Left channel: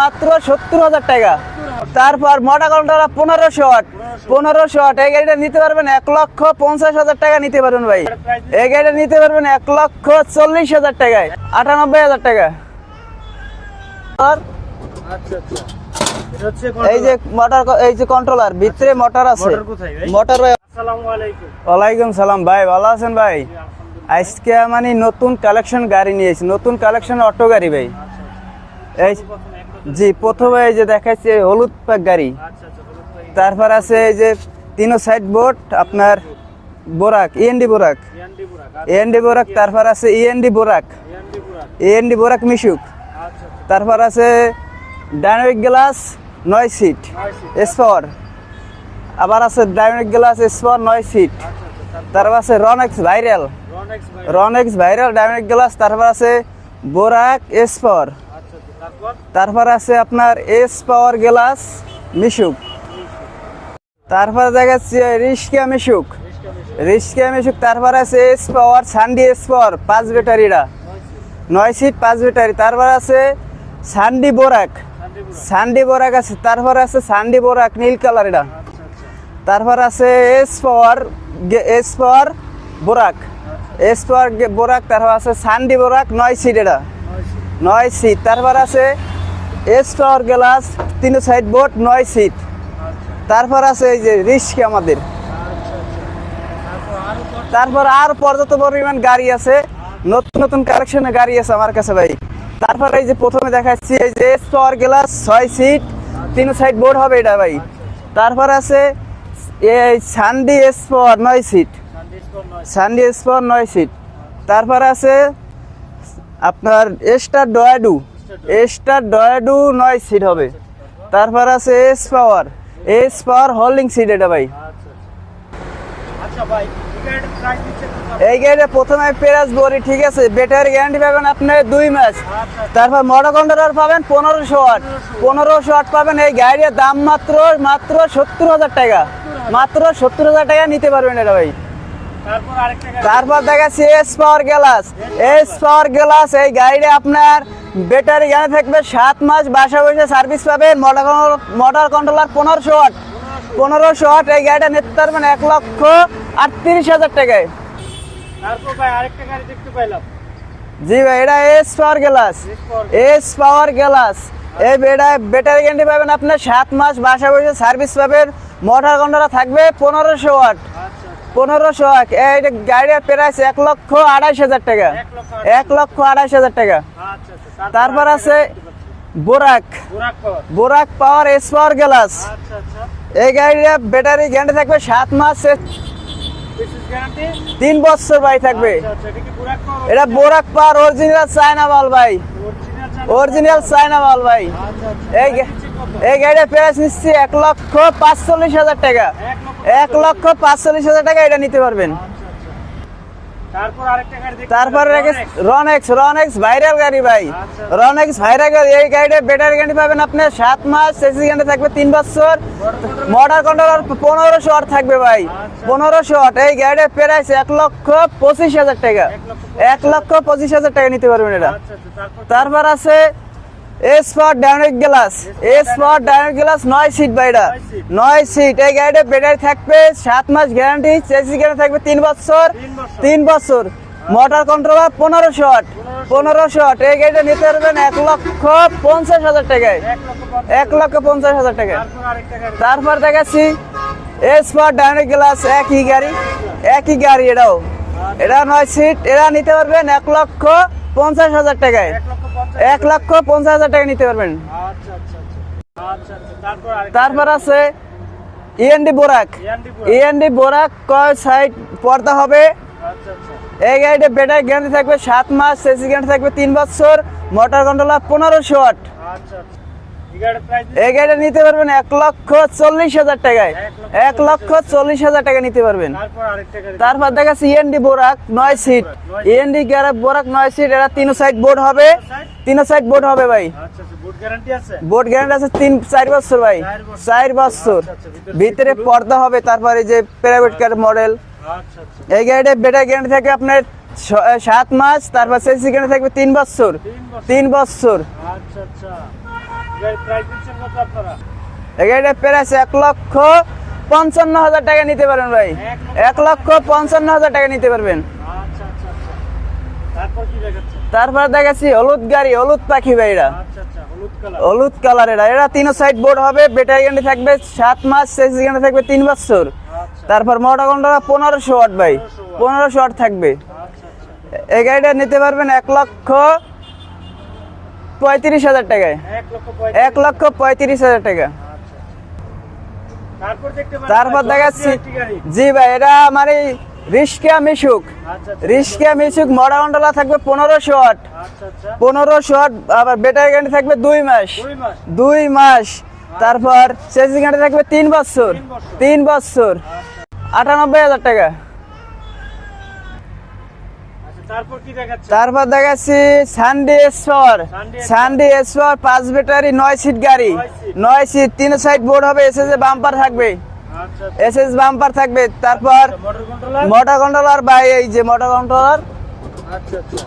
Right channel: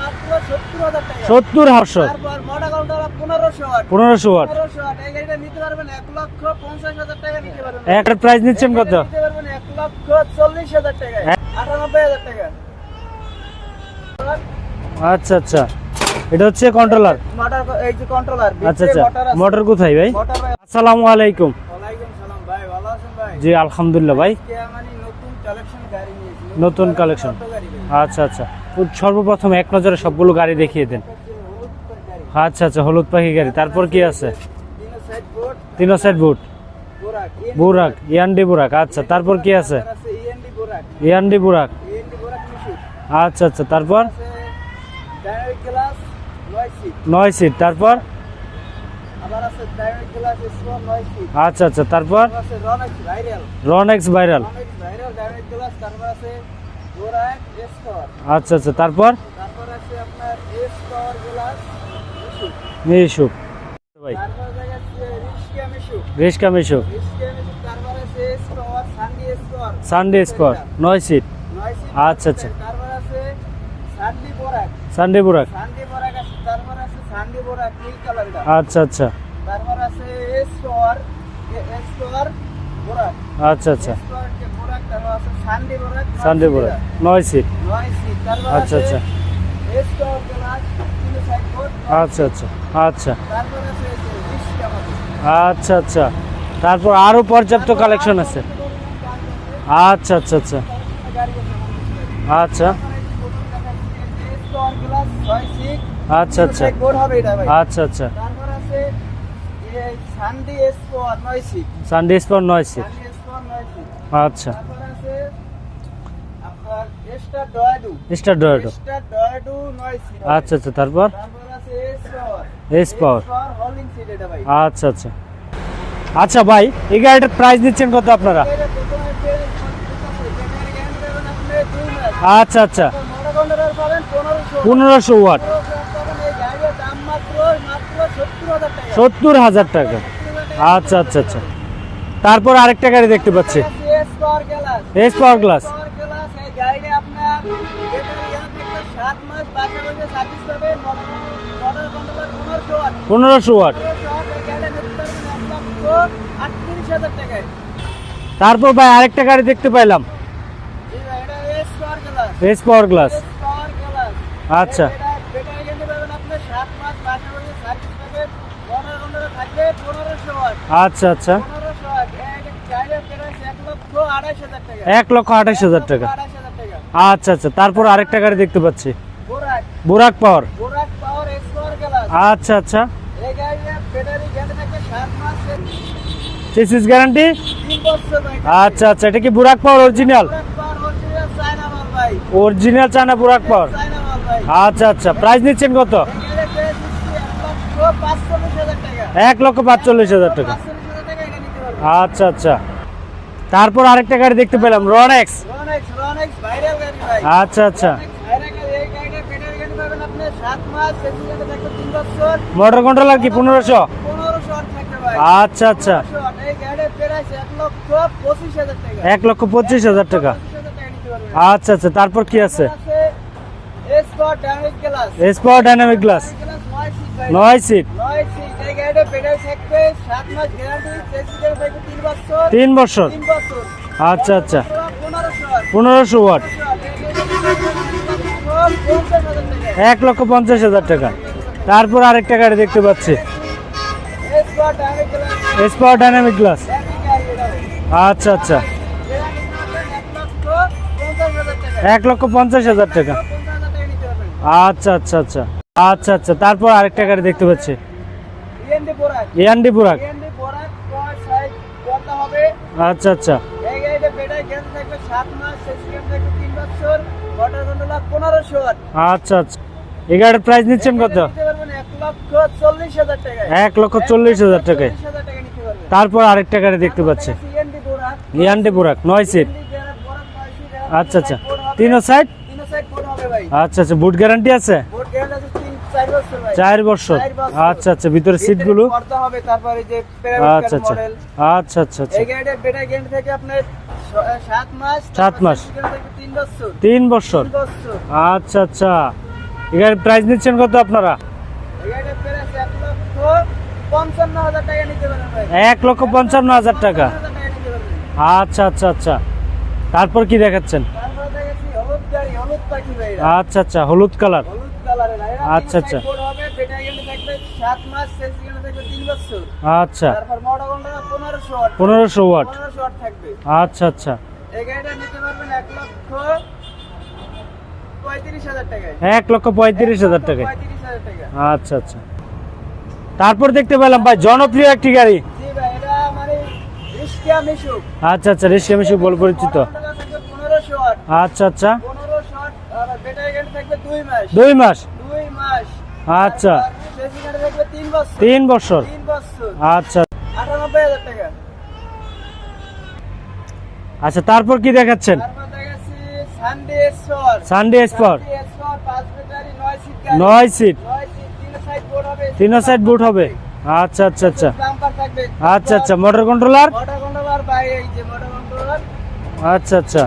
মাত্র সত্তর হাজার টাকা। সত্তর তারপর মোটা কন্ট্রোলার পনেরোশো ওয়াট। পনেরোশো পনেরোশো ওয়াট। এই গাড়িটা নিতে পারবেন এক লক্ষ পঞ্চাশ হাজার টাকা নিতে পারবেন ভাই। প্রাইস এই গাড়িটা নিতে পারবেন এক লক্ষ চল্লিশ হাজার টাকায়। আটানব্বই হাজার টাকা। আর আচ্ছা আচ্ছা। এটা হচ্ছে এই কন্ট্রোলার মোটর এই যে কন্ট্রোলার আচ্ছা ভিতরে মোটর আছে। মোটর কোথায় ভাই? মোটর ভাই আসসালামু আলাইকুম। ওয়ালাইকুম সালাম ভাই ভালো আছেন ভাই? জি আলহামদুলিল্লাহ ভাই। আজকে মানে নতুন কালেকশন গাড়ি নিয়েছি। নতুন নতুন কালেকশন অটো গাড়ি ভাই। আচ্ছা আচ্ছা। সর্বপ্রথম এক নজরে সবগুলো গাড়ি প্রথমে যে দেখিয়ে দেখাচ্ছে হলুদ পাক গাড়ি। আচ্ছা আচ্ছা হলুদ পাখি গাড়ি। তারপর আছে কি এই যে আছে তিনো সাইড বোর্ড তিনো সাইড বোর্ড বোরাক ইএনডি বোরাক ইয়ান্ডি বুরাক আচ্ছা ইএনডি তারপর বোরাক কি আছে? তারপর আছে ইএনডি বোরাক। ইয়ান্ডি বুরাক। ইএনডি বোরাক মিশুক। আচ্ছা আচ্ছা তারপর? তারপর আছে ডাইনামিক গ্লাস নয় সিট। নয় সিট তারপর? আবার আছে ডাইনামিক গ্লাস স্পর নয় সিট। আচ্ছা আচ্ছা তারপর? তারপর আছে Ronex viral Ronex viral Ronex viral dynamic glass তারপর আছে বোরাক স্পর আচ্ছা আচ্ছা তারপর? তারপর আছে আপনার এস পাওয়ার গ্লাস মিশুক। মিশুক। তারপর দেখাচ্ছে রিস্কা মিশুক। রেশকা মিশুক। রিস্কা মিশুক তারপর আছে এস পাওয়ার সানডি এস পাওয়ার পাঁচ ব্যাটারিরা নয় সিট নয় সিট পাঁচ আচ্ছা, ব্যাটারি তারপর আছে সানডি বোরাক। সানডে বুরাক। সানডি বোরাক আছে তারপর আছে সানডি বোরাক নীল কালার এটা আচ্ছা আচ্ছা। তারপর আছে এস পাওয়ার এস পাওয়ার বোরাক। আচ্ছা আচ্ছা। বোরাক তারপর আছে সানডি বোরাক নয় সিট এটা। নয় সিট নয় সিট তারপর আচ্ছা, আছে আচ্ছা। এস পাওয়ার গ্লাস তিন সাইড বোর্ড নয় আচ্ছা, সিট আচ্ছা, আচ্ছা। তারপর আছে এই যে রিস্ক আমাদের। আচ্ছা আচ্ছা। তারপর আরও পর্যাপ্ত কালেকশন আছে। পর্যাপ্ত পরিমাণ গাড়ি আছে। আচ্ছা আচ্ছা নতুন নতুন কালেকশনের গাড়ি আছে আমার কাছে ভাই। আচ্ছা। তারপর এই যে প্রথমে দেখাচ্ছি এই যে পাওয়ার গ্লাস ছয় সিট আচ্ছা তিন আচ্ছা। সাইড বোর্ড হবে এটা ভাই। আচ্ছা আচ্ছা। তারপর আছে এই সানডি এস পাওয়ার নয় সিট সানডে স্পর নয় সানডি এস নয় সিট আচ্ছা। তারপর আছে আপনার এস্টার ডয়াডু স্টার ডয়াডু এস্টার ডয়াডু নয় সিট হবে। আচ্ছা আচ্ছা তারপর? তারপর আছে S power S power holding seat এটা ভাই। আচ্ছা আচ্ছা। আচ্ছা ভাই এই গাড়িটার প্রাইস দিচ্ছেন কত আপনারা? এই গাড়িটা প্রথমে পেরাস বলি ঠিক আছে? ব্যাটারি গ্যারান্টি পাবেন আপনি 2 মাস। আচ্ছা আচ্ছা। তারপর মোটর কন্ট্রোলার পাবেন 1500 1500 ওয়াট। 1500 ওয়াট পাবেন। এই গাড়ির দাম মাত্র মাত্র সত্তর হাজার টাকা। 70000 টাকা মাত্র টাকা। সত্তর হাজার টাকা নিতে আচ্ছা, পারবেন আচ্ছা, ভাই। তারপর আরেকটা গাড়ি দেখতে পাচ্ছি। S power glass glass। Power glass এই গাড়িটা আপনার ব্যাটারি জ্ঞানে থাকবে সাত মাস বাসা বসে সার্ভিস পাবেন মোটর মোটর কন্ট্রোলার পনেরোশো ওয়াট পনেরোশো ওয়াট পনেরোশো ওয়াট এই গাড়িটা নিতে পারবেন এক লক্ষ আটত্রিশ হাজার টাকায়। তারপর ভাই আরেকটা গাড়ি দেখতে পাইলাম। জি ভাই এটা S power glass S power glass S power glass এই আচ্ছা। ব্যাটারি গ্যারান্টি পাবেন আপনার সাত মাস বাসা বসে সার্ভিস পাবেন। মোটর কন্ট্রোলার থাকবে পনেরোশো ওয়াট। আচ্ছা আচ্ছা। পনেরোশো ওয়াট। এইটা গাড়ির প্রাইস এক লক্ষ আড়াইশ হাজার টাকা। এক লক্ষ আড়াইশ হাজার টাকা। আড়াইশ হাজার টাকা। আচ্ছা আচ্ছা। তারপর তারপর আরেকটা গাড়ি দেখতে পাচ্ছি। বোরাক। বোরাক পাওয়ার। বোরাক পাওয়ার এস পাওয়ার গ্লাস আচ্ছা আচ্ছা। এই গাড়ির ব্যাটারি গ্যারান্টি থাকবে সাত মাস চেসিস গ্যারান্টি 3 বছর ভাই থাকবে। আচ্ছা আচ্ছা এটা কি বুরাক পাওয়ার এটা original Burak power original China মাল ভাই। অরিজিনাল চায়না বুরাক অরিজিনাল চায়না মাল ভাই। আচ্ছা আচ্ছা প্রাইস দিচ্ছেন কত? এই গাড়িটা প্রাইস নিচ্ছে এক লক্ষ পাঁচচল্লিশ হাজার টাকা। এক লক্ষ পাঁচচল্লিশ এক হাজার লক্ষ টাকা। পাঁচচল্লিশ হাজার টাকা এটা নিতে পারবেন। আচ্ছা আচ্ছা। তারপর আরেকটা গাড়ি দেখতে পেলাম রনেক্স রনেক্স রনেক্স ভাইরাল গাড়ি ভাই। আচ্ছা, আচ্ছা। রনেক্স ভাইরাল গাড়ি এই গাড়িটা ব্যাটারি গাড়ি পাবেন আপনি 7 মাস এসি গাড়ি থাকবে 3 বছর। মোটর কন্ট্রোল লাগবে 1500 1500 আর থাকবে ভাই। আচ্ছা, আচ্ছা। পনেরোশো ওয়াট এই গাড়িটার প্রাইস 1 লক্ষ পঁচিশ হাজার টাকা। 1 লক্ষ 25000 টাকা 1 লক্ষ টাকা। পঁচিশ হাজার টাকা নিতে পারবেন এটা। আচ্ছা আচ্ছা। তারপর কি আছে? তারপর আছে আছে dynamic glass for dynamic glass নয় সিট ভাই এটা। নয় সিট। নয় সিট এই গাড়িতে ব্যাটারি থাকবে সাত মাস গ্যারান্টি চেসি গাড়ি থাকবে তিন বছর। তিন বছর। তিন বছর। মোটর। কন্ট্রোলার পনেরোশো ওয়াট পনেরোশো ওয়াট পনেরোশো ওয়াট এই গাড়িটা নিতে পারবেন এক লক্ষ পঞ্চাশ হাজার টাকায়। এক লক্ষ পঞ্চাশ এক হাজার লক্ষ টাকা। পঞ্চাশ হাজার টাকা তারপর আরেকটা গাড়ি দেখতে পাচ্ছি। দেখাচ্ছি। এস ফর ডাইনামিক গ্লাস একই গাড়ি। dynamic glass। একই গাড়ি এটাও। আচ্ছা আচ্ছা। নয় সিট এরা নিতে পারবেন এক লক্ষ পঞ্চাশ হাজার টাকায়। এক লক্ষ পঞ্চাশ হাজার লক্ষ পঞ্চাশ হাজার টাকা নিতে পারবেন। আচ্ছা আচ্ছা আচ্ছা। আচ্ছা আচ্ছা। তারপর আরেকটা গাড়ি দেখতে পাচ্ছি। ইএনডি বোরাক এয়ান্ডি পুরা ইএনডি বোরাক কয় সাইড পর্দা হবে? আচ্ছা আচ্ছা। এই গাড়িটা ব্যাটারি গ্যারান্টি থাকবে সাত মাস এসি গ্যারান্টি থাকবে তিন বছর মোটর কন্ট্রোলার পনেরোশো ওয়াট। আচ্ছা আচ্ছা। গাড়ির প্রাইস নিচ্ছেন কত? নিতে পারবেন এক লক্ষ চল্লিশ হাজার টাকায়। এক লক্ষ চল্লিশ হাজার চল্লিশ হাজার টাকা নিতে পারবেন। তারপর আরেকটা গাড়ি দেখতে পাচ্ছি। বোরাক নয় সিট বোরাক, নয় সিট। ইএনডি গ্যারাপ বোরাক নয় সিট এটা তিন সাইড। বোর্ড হবে। তিনো সাইড তিন সাইড বোর্ড হবে ভাই। আচ্ছা আচ্ছা। বুট গ্যারান্টি আছে? বোর্ড গ্যারান্টি আছে তিন চার বছর ভাই। চার বছর। চার বছর। আচ্ছা আচ্ছা। ভিতরে সিটগুলো? পর্দা হবে তারপরে যে প্রাইভেট কার। মডেল আচ্ছা। আচ্ছা এই গাড়িটা ব্যাটারি গ্যারান্টি থাকে আপনার সাত মাস তারপর থাকবে তিন বছর। তিন বছর। তিন বছর। আচ্ছা আচ্ছা। প্রাইস নিচ্ছেন কত আপনারা? প্রাইস এক লক্ষ পঞ্চান্ন হাজার টাকা নিতে পারবেন ভাই। এক লক্ষ পঞ্চান্ন হাজার। পঞ্চান্ন হাজার টাকা নিতে পারবেন। আচ্ছা আচ্ছা আচ্ছা। তারপর কি দেখাচ্ছেন? তারপর দেখাচ্ছি হলুদ গাড়ি হলুদ পাখি ভাইরা আচ্ছা আচ্ছা হলুদ কালার। হলুদ কালারের এরা। তিন আচ্ছা, সাইড আচ্ছা। বোর্ড হবে ব্যাটারি গ্যারান্টি থাকবে সাত মাস সেসি গ্যারান্টি থাকবে তিন বছর। আচ্ছা। তারপর মোটা কন্ট্রোলার পনেরোশো ওয়াট ভাই। 1500 watt। পনেরোশো ওয়াট থাকবে। আচ্ছা আচ্ছা। এই গাড়িটা নিতে পারবেন এক লক্ষ পঁয়ত্রিশ হাজার টাকায়। এক লক্ষ পঁয়ত্রিশ হাজার টাকা পঁয়ত্রিশ হাজার টাকা। আচ্ছা আচ্ছা। তারপর দেখতে পেলাম ভাই জনপ্রিয় একটি গাড়ি। জি ভাই এটা আমার এই রিস্কা মিশুক। আচ্ছা আচ্ছা রিস্কা মিশুক কন্ট্রোলার থাকবে পনেরোশো ওয়াট আচ্ছা আচ্ছা। পনেরোশো ওয়াট আবার ব্যাটারি গ্যারান্টি থাকবে দুই মাস। দুই মাস? দুই মাস। আচ্ছা। তারপর সেসি গ্যারান্টি থাকবে তিন বছর। তিন বছর। তিন বছর। আচ্ছা। আটানব্বই হাজার টাকা। আচ্ছা তারপর কি দেখাচ্ছে তারপর দেখাচ্ছি সানডে এসপর। সানডে পাঁচ ব্যাটারি নয় সিট গাড়ি। নয় সিট নয় সিট তিন সাইড বোর্ড হবে এসএস তিন সাইড বুট হবে। আচ্ছা আচ্ছা আচ্ছা। এসএস বাম্পার থাকবে। আচ্ছা আচ্ছা মোটর কন্ট্রোলার মোটর কন্ট্রোলার বাই এই যে মোটর কন্ট্রোলার আচ্ছা আচ্ছা।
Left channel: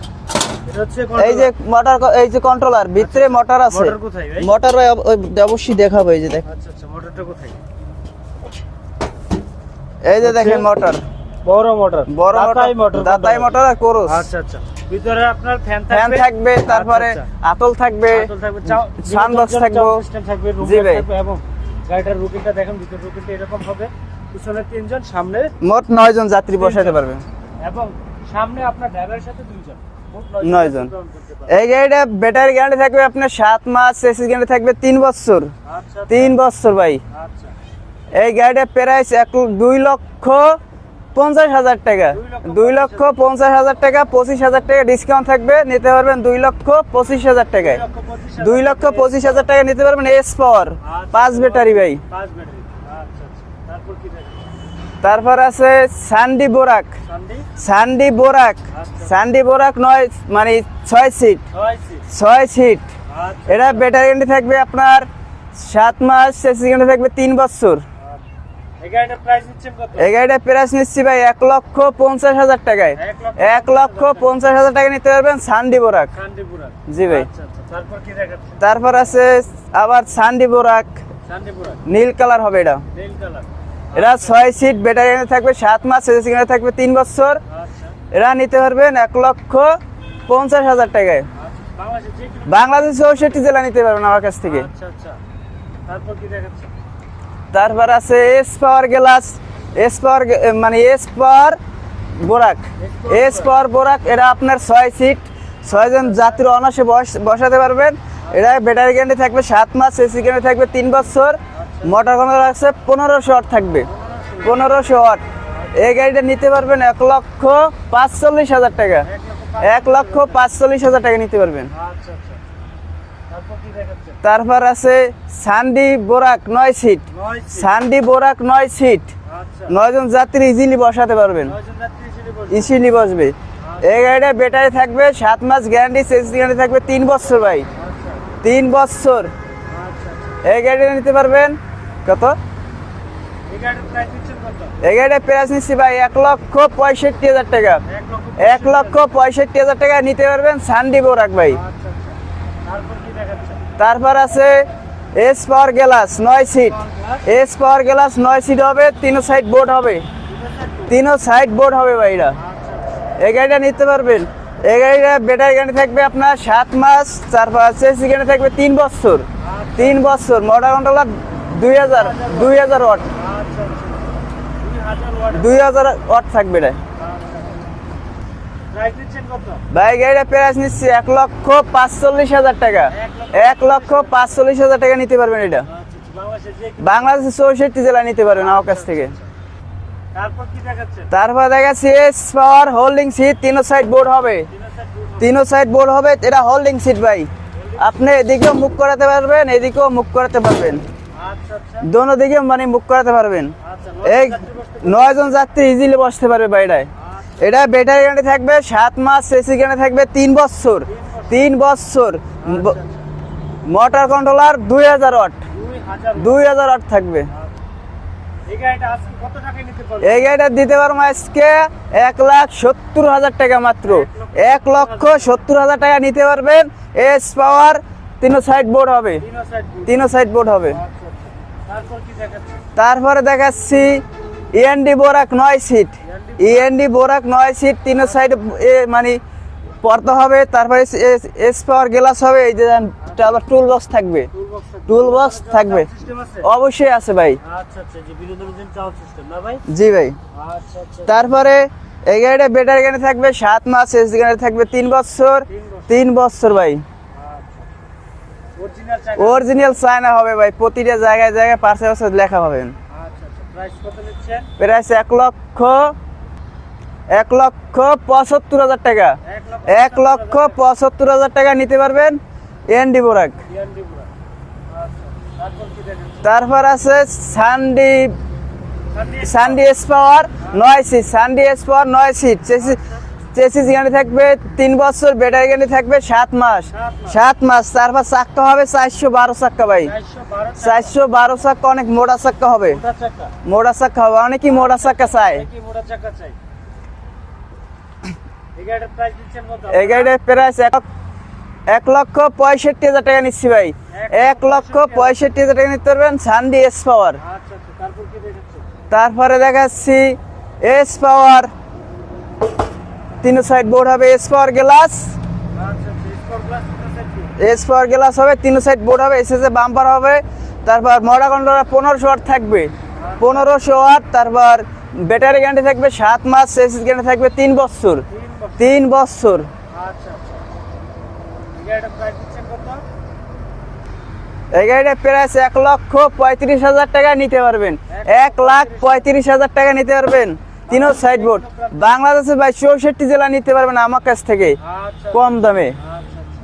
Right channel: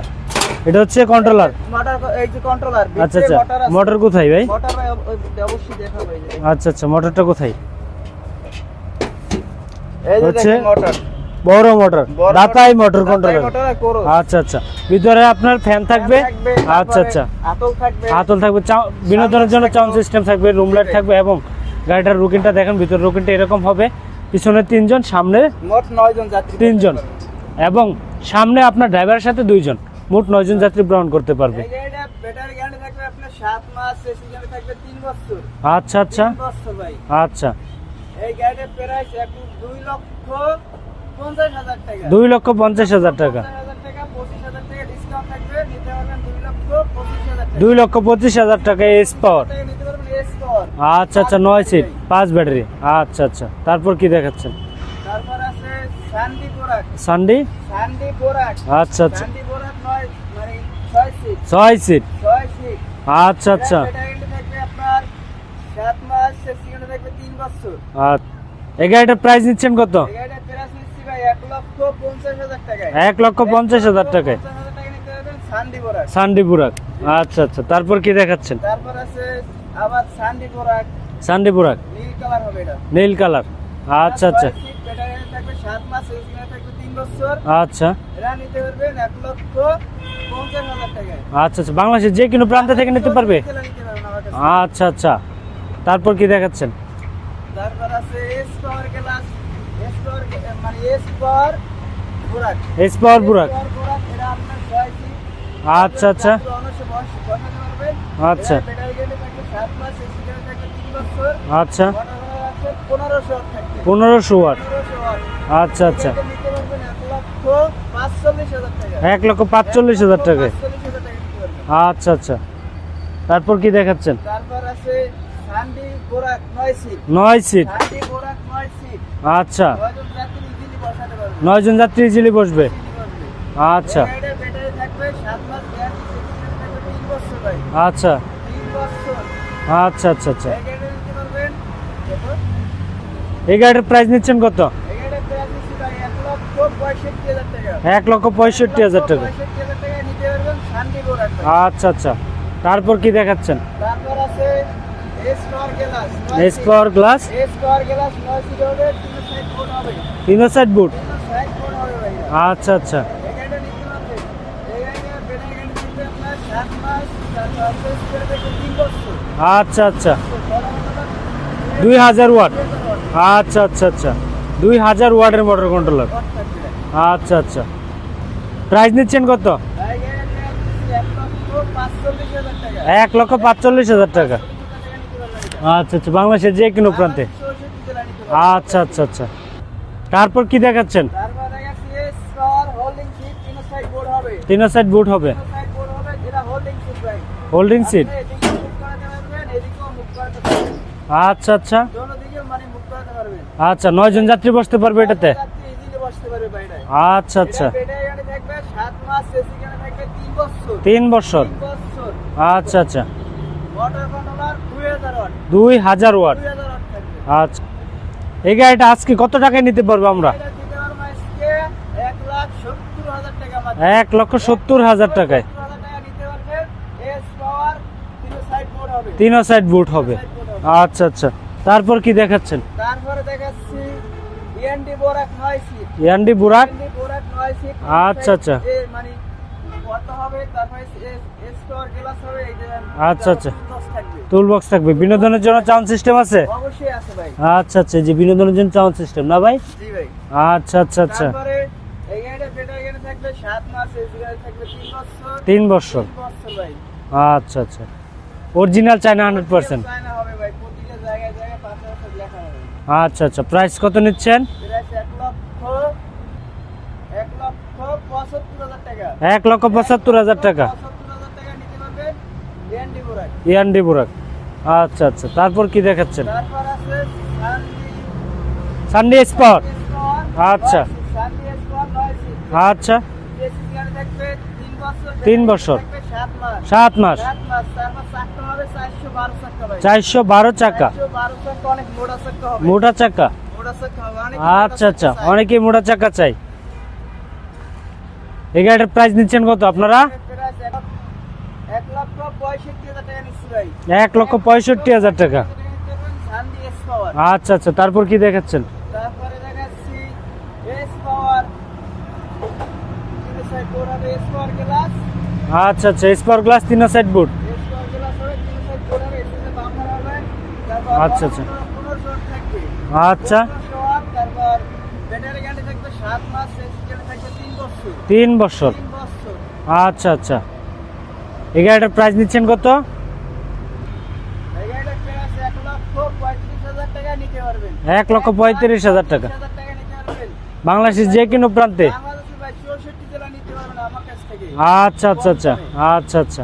এটা হচ্ছে এই যে কন্ট্রোলার মোটর এই যে কন্ট্রোলার আচ্ছা ভিতরে আচ্ছা। মোটর আছে। মোটর কোথায় ভাই? মোটর ভাই অবশ্যই দেখাবো এই যে দেখেন। আচ্ছা আচ্ছা মোটরটা কোথায়? এই যে দেখেন মোটর বড় মোটর দাতাই মোটর দাতাই মোটর আর কোরস। আচ্ছা আচ্ছা। ভিতরে আপনার ফ্যান থাকবে? থাকবে আচ্ছা আচ্ছা। আতল থাকবে আতল থাকবে বিনোদনের জন্য। সাউন্ড সিস্টেম থাকবে রুম লাইট থাকবে এবং গাড়িটার রুকিনটা দেখেন ভিতর রুকিনটা এরকম হবে। পিছনে তিনজন সামনে মোট নয় জন যাত্রী বসাতে পারবে। এবং সামনে আপনার ড্রাইভারের সাথে দুইজন। মোট নয়জন নয়জন। যাত্রী গ্রহণ করতে পারবে। এই গাড়িটা ব্যাটারি গ্যারান্টি থাকবে আপনার সাত মাস এসি গ্যারান্টি থাকবে তিন বছর। আচ্ছা আচ্ছা। তিন বছর ভাই। আচ্ছা। এই গাড়িটা প্রাইস এক দুই লক্ষ পঞ্চাশ হাজার টাকা। দুই লক্ষ পঞ্চাশ হাজার টাকা। পঞ্চাশ হাজার টাকা পঁচিশ হাজার টাকা ডিসকাউন্ট থাকবে নিতে পারবেন দুই লক্ষ পঁচিশ হাজার টাকা। দুই লক্ষ পঁচিশ হাজার দুই লক্ষ পঁচিশ হাজার টাকা নিতে পারবেন এস পাওয়ার আচ্ছা আচ্ছা ব্যাটারি পাঁচ ব্যাটারি। আচ্ছা আচ্ছা তারপর কি দেখাচ্ছেন? তারপর আছে সান্ডি বোরাক সানডে সান্ডি বোরাক আচ্ছা সান্ডি বোরাক নয় মানে ছয় সিট ছয় সিট ছয় সিট আচ্ছা এটা ব্যাটারি থাকবে আপনার সাত মাস থাকবে তিন বছর। আচ্ছা। এই গাড়িটার প্রাইস নিচ্ছেন কত? এই গাড়িটা প্রাইস নিচ্ছি ভাই এক লক্ষ পঞ্চাশ হাজার টাকায়। এক লক্ষ পঞ্চাশ হাজার টাকা পঞ্চাশ হাজার টাকা নিতে পারবেন সান্ডি বোরাক সানডে বুরাক জি ভাই। আচ্ছা আচ্ছা। তারপর কি দেখাচ্ছেন? তারপর আছে আবার সান্ডি বোরাক সানডে বুরাক নীল কালার হবে এটা। নীল কালার। আচ্ছা ছয় আচ্ছা। সিট ব্যাটারি থাকবে সাত মাস এসি থাকবে তিন বছর। আচ্ছা। এরা নিতে পারবেন এক লক্ষ পঞ্চাশ হাজার টাকায়। আচ্ছা আচ্ছা। বাংলাদেশের যে কোনো প্রান্ত থেকে নিতে পারবে? জেলা নিতে পারবেন আমার কাছ থেকে। আচ্ছা আচ্ছা। তারপর কি দেখাচ্ছেন? তারপর আছে S power glass S power মানে এস পাওয়ার বোরাক এস পাওয়ার বুরাক এটা আপনার ছয় সিট ছয়জন আচ্ছা, আচ্ছা। যাত্রী অনাসে বসাতে পারবেন। এটা আচ্ছা। ব্যাটারি গ্যারান্টি থাকবে সাত মাস এসি গ্যারান্টি থাকবে তিন বছর। আচ্ছা। মোটর কন্ট্রোল আছে পনেরোশো ওয়াট থাকবে। পনেরোশো পনেরোশো ওয়াট। আচ্ছা এই আচ্ছা। গাড়িটা নিতে পারবেন এক লক্ষ পাঁচচল্লিশ হাজার টাকা। এক লক্ষ পাঁচচল্লিশ হাজার টাকা নিতে পারবেন। আচ্ছা আচ্ছা। তারপর কি দেখাচ্ছেন? তারপর আছে সান্ডি বোরাক নয় সিট। নয় সিট। সান্ডি বোরাক নয় সিট। আচ্ছা। নয়জন যাত্রী ইজিলি বসাতে পারবেন। নয় জন যাত্রী ইজিলি বসবে। ইজিলি বসবে। আচ্ছা। এই গাড়িটা ব্যাটারি থাকবে সাত মাস গ্যারান্টি সেলস গ্যারান্টি থাকবে তিন বছর ভাই। আচ্ছা। তিন বছর। আচ্ছা আচ্ছা আচ্ছা। এই গাড়িটা নিতে পারবেন কত? এই গাড়ির প্রাইস নিচ্ছেন কত? এই গাড়িটা প্রাইস নিচ্ছি ভাই এক লক্ষ পঁয়ষট্টি হাজার টাকা। এক লক্ষ পঁয়ষট্টি হাজার টাকা নিতে পারবেন সান্ডি বোরাক ভাই। আচ্ছা আচ্ছা। তারপর কি দেখাচ্ছেন? তারপর আছে এস পাওয়ার গ্লাস নয় seat power glass S power glass নয় সিট হবে তিন সাইড বোর্ড হবে। তিনো সাইড বুট তিন সাইড বোর্ড হবে ভাইরা। আচ্ছা আচ্ছা। এই গাড়িটা নিতে পারবেন। এই গাড়িটা ব্যাটারি গাড়ি থাকবে আপনার সাত মাস তারপর এসি গাড়ি থাকবে তিন বছর। আচ্ছা তিন আচ্ছা। বছর মোটর কন্ট্রোলার দুই দুই হাজার হাজার ওয়াট। দুই হাজার ওয়াট। আচ্ছা আচ্ছা আচ্ছা। দুই হাজার ওয়াটের দুই মোটর কন্ট্রোলার ওয়াট থাকবে এটা। আচ্ছা আচ্ছা। প্রাইস নিচ্ছেন কত? ভাই গাড়িটা প্রাইস নিচ্ছে এক লক্ষ পাঁচচল্লিশ হাজার টাকা। এক লক্ষ পাঁচচল্লিশ হাজার টাকা। পাঁচচল্লিশ হাজার টাকা নিতে পারবেন এটা। আচ্ছা আচ্ছা বাংলাদেশের যে কোনো বাংলাদেশের চৌষট্টি জেলা নিতে পারবেন আচ্ছা আচ্ছা আচ্ছা। তারপর কি দেখাচ্ছেন? তারপর দেখাচ্ছি এস পাওয়ার হোল্ডিং সিট তিন সাইড বোর্ড হবে। তিনো সাইড বুট হবে। তিন সাইড বোর্ড হবে এটা হোল্ডিং সিট ভাই। হোল্ডিং সিট আপনি এদিকেও মুখ করাতে পারবেন এদিকেও মুখ করাতে পারবেন। আচ্ছা আচ্ছা। দোনো দিকে মানে মুখ করাতে পারবেন। আচ্ছা নয় জন এই যাত্রী বসতে পারবে নয়জন যাত্রী ইজিলি বসতে পারবে বাইরে আচ্ছা এটা আচ্ছা। ব্যাটারি গ্যারান্টি থাকবে সাত মাস এসি গ্যারান্টি থাকবে তিন বছর। তিন বছর? তিন বছর। আচ্ছা আচ্ছা। মোটর কন্ট্রোলার দুই হাজার ওয়াট। দুই হাজার ওয়াট? দুই হাজার ওয়াট থাকবে। আচ্ছা। এই গাড়িটা আজকে কত টাকায় নিতে পারব এই গাড়িটা দিতে পারব আজকে এক লাখ সত্তর হাজার টাকা মাত্র। এক লক্ষ সত্তর হাজার টাকা নিতে পারবেন। এস পাওয়ার তিনো সাইড বোর্ড হবে। তিনো সাইড বুট তিনো সাইড বোর্ড হবে। আচ্ছা আচ্ছা। তারপর কি দেখাচ্ছেন? তারপরে দেখাচ্ছি ইএনডি বোরাক নয় সিট ইয়ান্ডি বুড়া ইএনডি বোরাক নয় সিট তিন আচ্ছা, সাইড আচ্ছা। মানে পর্দা হবে। তারপরে এস পাওয়ার গ্লাস হবে। এই যে আচ্ছা, আচ্ছা। টুল বক্স থাকবে। টুল বক্স থাকবে বিনোদনের জন্য সাউন্ড সিস্টেম আছে? অবশ্যই আছে ভাই। আচ্ছা আচ্ছা। জি বিনোদনের জন্য সাউন্ড সিস্টেম না ভাই? জি ভাই। আচ্ছা আচ্ছা আচ্ছা। তারপরে এই গাড়িটা ব্যাটারি গাড়ি থাকবে। সাত মাস এস গাড়ি থাকবে তিন বছর। তিন বছর। তিন বছর ভাই। আচ্ছা আচ্ছা। অরিজিনাল চায়না অরিজিনাল চায়না হবে ভাই প্রতিটা জায়গায় জায়গায় পাশে পাশে লেখা পাবেন। আচ্ছা আচ্ছা প্রাইস কত নিচ্ছেন? প্রাইস এক লক্ষ এক লক্ষ পঁচাত্তর হাজার টাকা। এক লক্ষ পঁচাত্তর হাজার টাকা। পঁচাত্তর হাজার টাকা নিতে পারবেন এনডি বোরাক ইয়ান্ডি বুরাক আচ্ছা আচ্ছা তারপর কি দেখাচ্ছেন? তারপর আছে সানডি সানডে সানডি এস পাওয়ার। নয় সিট সানডি এস পাওয়ার নয় সিট আচ্ছা। চেসিস গাড়ি থাকবে তিন বছর ব্যাটারি গাড়ি থাকবে সাত মাস। সাত মাস। সাত মাস তারপর চাক্কা হবে চারশো বারো চাক্কা ভাই। চারশো বারো চাকা চারশো বারো চাক্কা অনেক মোটা চাক্কা হবে। মোটা চাকা মোটা চাক্কা হবে অনেকই মোটা আচ্ছা চাই অনেকেই মোটা চাকা চাই এই গাড়িটার প্রাইস নিচ্ছেন কত এই আপনারা? গাড়ির প্রাইস এক- এক লক্ষ পঁয়ষট্টি হাজার টাকা নিচ্ছি ভাই। এক লক্ষ পঁয়ষট্টি। হাজার টাকা। নিতে পারবেন সানডি এস পাওয়ার আচ্ছা আচ্ছা তারপর কি দেখাচ্ছেন? তারপরে দেখাচ্ছি এস পাওয়ার তিন সাইড বোর্ড হবে এস পাওয়ার গ্লাস আচ্ছা আচ্ছা স্পার গ্লাস তিন side boot S power glass হবে তিন সাইড বোর্ড হবে এসএসএ বাম্পার হবে তারপর আচ্ছা, আচ্ছা। কন্ট্রোলার পনেরোশো ওয়াট থাকবে। আচ্ছা। পনেরোশো ওয়াট তারপর ব্যাটারি গ্যারান্টি থাকবে সাত মাস এসএস গ্যারান্টি থাকবে তিন বছর। তিন বছর। তিন বছর। আচ্ছা আচ্ছা। এই গাড়িটার প্রাইস নিচ্ছেন কত? এই গাড়িটা প্রাইস এক লক্ষ পঁয়ত্রিশ হাজার টাকা নিতে পারবেন। এক লক্ষ পঁয়ত্রিশ হাজার টাকা। নিতে পারবেন। বাংলাদেশের ভাই চৌষট্টি জেলা নিতে পারবেন আমার কাছ থেকে। আচ্ছা আচ্ছা আচ্ছা। আচ্ছা আচ্ছা।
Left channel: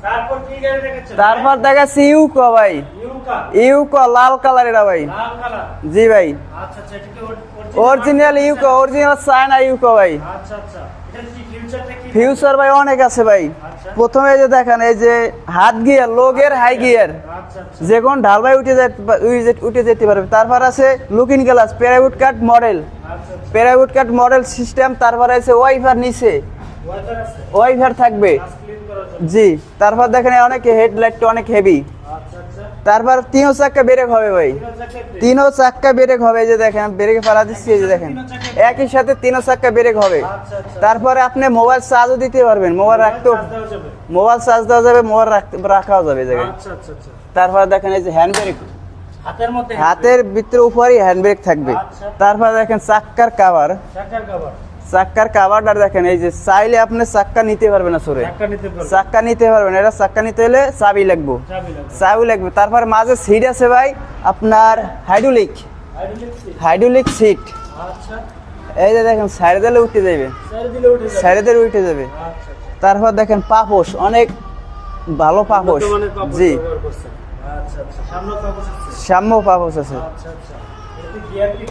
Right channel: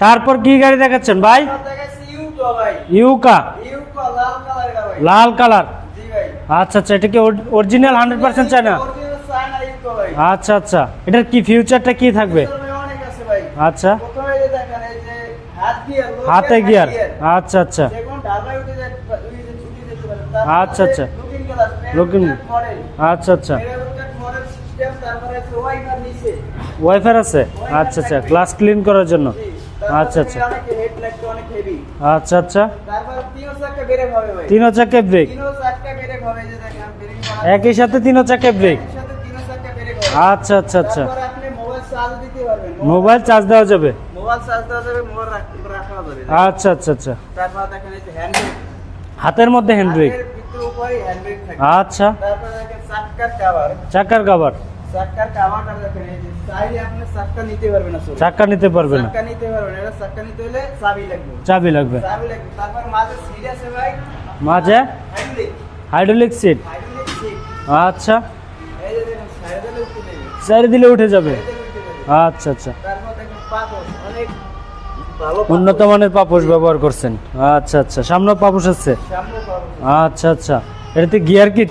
তারপর কি গাড়ি দেখাচ্ছেন ভাই? দেখাচ্ছি ইউকো ভাই। ইউকা? ইউকো লাল কালার এটা ভাই। লাল কালার? জি ভাই। আচ্ছা আচ্ছা এটা কি অরিজিনাল হান্ড্রেড অরিজিনাল পার্সেন্ট ইউকো চায়না অরিজিনাল চায়না ইউকো ভাই। আচ্ছা আচ্ছা। এটার কি ফিউচারটা কি থাকবে? ফিউচার ভাই অনেক আছে ভাই। আচ্ছা। প্রথমে এই যে দেখেন এই যে হাত gear low gear high gear. আচ্ছা আচ্ছা। যে কোন উঠে যেতে পা- উঠে যেতে- উঠে যেতে পারবে। তারপর আচ্ছা, আছে। Looking glass Looking- cut model আচ্ছা আচ্ছা। প্যারাউড কাট মডেল সিস্টেম তারপর আছে ওয়াইফার নিচে। ওয়াইফাই আছে? Wi-Fi আচ্ছা আচ্ছা থাকবে। ক্লাস ক্লিন করার জন্য। জি তারপর আচ্ছা, দেখেন আচ্ছা। অনেক হেডলাইটটা অনেক হেভি আচ্ছা আচ্ছা। তারপর তিনও চাক্কা ব্রেক হবে ভাই। তিন চাকা ব্রেক তিনও চাক্কা ব্রেক হবে এই যে দেখেন ব্রেক ফেলা একই সাথে তিনও চাকা ব্রেক একই সাথে তিনও চাক্কা ব্রেক হবে। আচ্ছা আচ্ছা আচ্ছা। তারপরে আপনি মোবাইল চার্জও দিতে পারবেন। মোবাইল চার্জ দেওয়া যাবে? মোবাইল চার্জ দেওয়া যাবে মোবাইল রাখাও যাবে আচ্ছা আচ্ছা আচ্ছা। তারপর দেখেন এই যে হ্যান্ড ব্রেক হাতের মধ্যে হ্যান্ড ব্রেক হাতের ভিতরে উপরেই হ্যান্ড ব্রেক থাকবে। আচ্ছা। তারপর দেখেন চাক্কার কাভার চাকার কভার চাক্কার কাভারটা দেখেন এই যে চাইলে আপনি চাক্কা নিতে পারবেন না সরে চাকা নিতে পারবে চাক্কা নিতে পারবেন এটা চাক্কা নিতে হলে চাবি লাগবে। চাবি লাগবে। চাবি লাগবে। তারপর মাঝে সিট আছে ভাই আপনার hydraulic hydraulic seat hydraulic seat আচ্ছা। এই যে দেখেন সাইডে দিলে উঠে যাবে চারি দিলে উঠে যাবে? সাইডে দিলে উঠে যাবে। আচ্ছা আচ্ছা। তারপর দেখেন পাপোশ অনেক ভালো পাপোশ। উন্নত মানের ব্যবহার করছেন। আচ্ছা আচ্ছা। সামনে পাপোশ আছে? পাপোশ আছে। আচ্ছা আচ্ছা। এটাতে গিয়ার কি?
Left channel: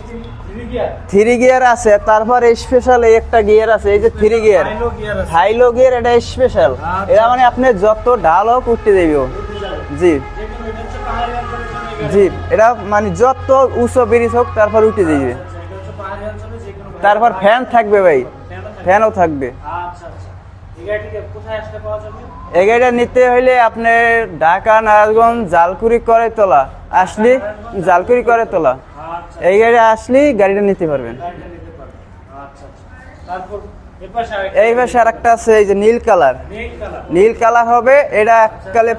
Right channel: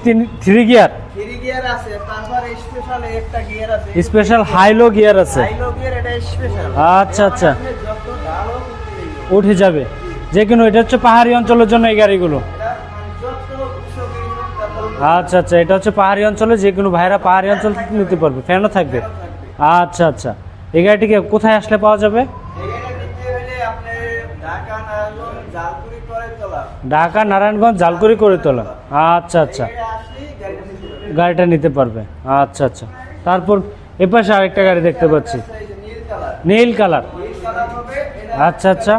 থ্রি গিয়ার থ্রি গিয়ার আছে তারপর স্পেশাল একটা গিয়ার আছে স্পেশাল হাইলো গিয়ার আছে। হাইলো গিয়ার এটা স্পেশাল আচ্ছা, মানে আচ্ছা। আপনি যত দেবে। উঠে যাবে। জি। যে কোনো এটা হচ্ছে পাহাড়ি অঞ্চলের জন্য এই গাড়িগুলো। এটা মানে যত উঁচু ব্রিজ হোক তারপর উঠে আচ্ছা যাবে আচ্ছা এটা হচ্ছে পাহাড়ি অঞ্চলে যে কোনো ভাইরা পাহাড়ি অঞ্চল থাকবে ভাই। ফ্যানও থাকবে। ফ্যানও থাকবে। আচ্ছা আচ্ছা। এই গাড়িটিকে কোথায় আসলে পাওয়া যাবে? এই গাড়িটা নিতে হলে আপনি ঢাকা নারায়ণগঞ্জ জালকুড়ি করে তোলা। ঢাকা নারায়ণগঞ্জ জালকুড়ি করে তোলা। আচ্ছা এই আচ্ছা। গাড়ি আসলে গাড়িটা নিতে পারবেন গাড়িটা নিতে পারবে। আচ্ছা আচ্ছা। তারপর এ পাশে আরেকটা গাড়ি দেখতে পাচ্ছি। আছে এই যে নীল কালার। নীল কালার। নীল কালার হবে এটা আচ্ছা, আচ্ছা।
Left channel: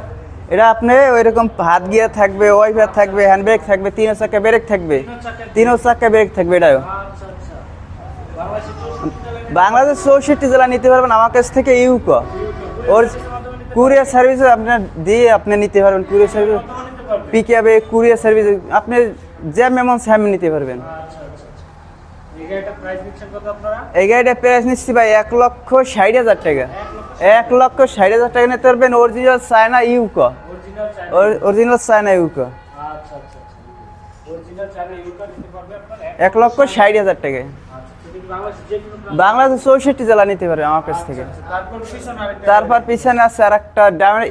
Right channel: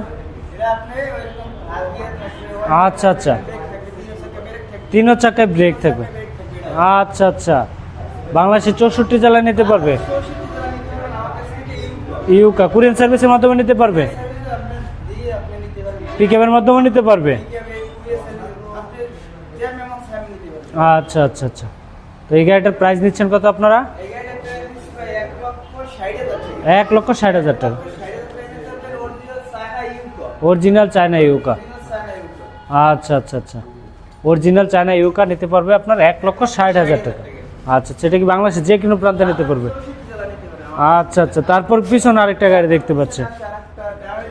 এটা আপনি ওইরকম হাত গিয়ার থাকবে ওয়াইপার আচ্ছা, থাকবে আচ্ছা। হ্যান্ড ব্রেক থাকবে তিন চাকা ব্রেক থাকবে। তিন চাকা ব্রেক থাকবে এটা। আচ্ছা আচ্ছা। বাংলাদেশের চৌষট্টি জেলায় নিতে পারবে? বাংলাদেশ চৌষট্টি জেলা নিতে পারবেন আমার কাছ থেকে ইউকো। ইউকা কুরিয়ার সার্ভিসের মাধ্যমে নিতে পারবে? কুরিয়ার সার্ভিস আপনার দিয়ে আপনি নিতে পারবেন পিকআপের মাধ্যমে নিতে পারবে? পিকআপে কুরিয়ার সার্ভিস আপনি যে মেমন স্যাম নিতে পারবেন। আচ্ছা আচ্ছা আচ্ছা। তো এই গাড়িটার প্রাইস নিচ্ছেন কত আপনারা? এই গাড়িটা প্রাইস নিচ্ছি ভাই এক লক্ষ ষাট হাজার টাকা। এক লক্ষ ষাট এক লক্ষ ষাট হাজার টাকা নিতে পারবেন অরিজিনাল চায়না ইউকো অরিজিনাল চায়না অরিজিনাল চায়না ইউকো আচ্ছা আচ্ছা আচ্ছা। অরিজিনাল চায়না ইউকা নিতে পারবে আপনার এক লক্ষ ষাট হাজার টাকা। টাকা আচ্ছা সেটা কি বাংলাদেশে যে কোনো প্রান্ত নিতে বাংলাদেশ পারবে? চৌষট্টি জেলা নিতে পারবে আচ্ছা আচ্ছা তারপর পিছনে আরেকটা গাড়ি দেখতে পিছনে পাচ্ছি। আছে আরেকটা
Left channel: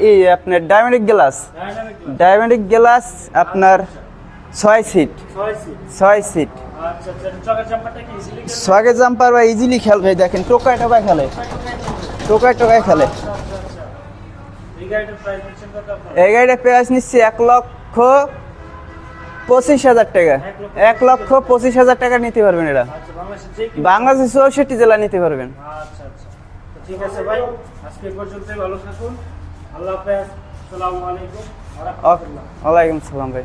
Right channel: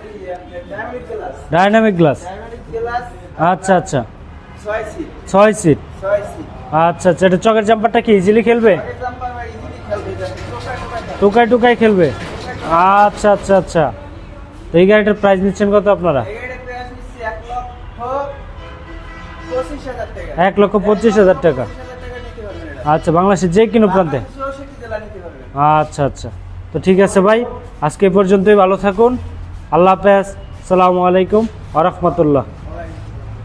এই আপনার ডায়মন্ডিক গ্লাস। Dynamic glass. ডায়মন্ডিক গ্লাস আচ্ছা আপনার আচ্ছা। ছয় সিট। ছয় সিট। ছয় সিট। আচ্ছা আচ্ছা এটা চকের জাম্পারটা কি ইজিলি খেলবে? সগে জাম্পার বা ইজিলি খেলবে দেখেন টোকায় টোকায় খেলে। টুকাই টুকাই খেলবে? টোকায় টোকায় খেলে। আচ্ছা আচ্ছা আচ্ছা। এই গাড়িটার প্রাইস নিচ্ছেন কত আপনারা? এই গাড়িটা প্রাইস নিচ্ছে এক লক্ষ পঁচিশ হাজার টাকা। এক লক্ষ পঁচিশ হাজার টাকা। পঁচিশ হাজার টাকা নিতে পারবেন এটা আচ্ছা বাংলাদেশের যে কোনো প্রান্তে। বাংলাদেশের চৌষট্টি জেলা নিতে পারবেন। আচ্ছা আচ্ছা। তো ঠিক আছে ভাই আজকে পর্যন্ত পর্যন্তই ভালো থাকুন। আল্লাহ হাফেজ। সালামু আলাইকুম আ রহমতুল্লাহ। ওয়ালাইকুম সালাম ভাই।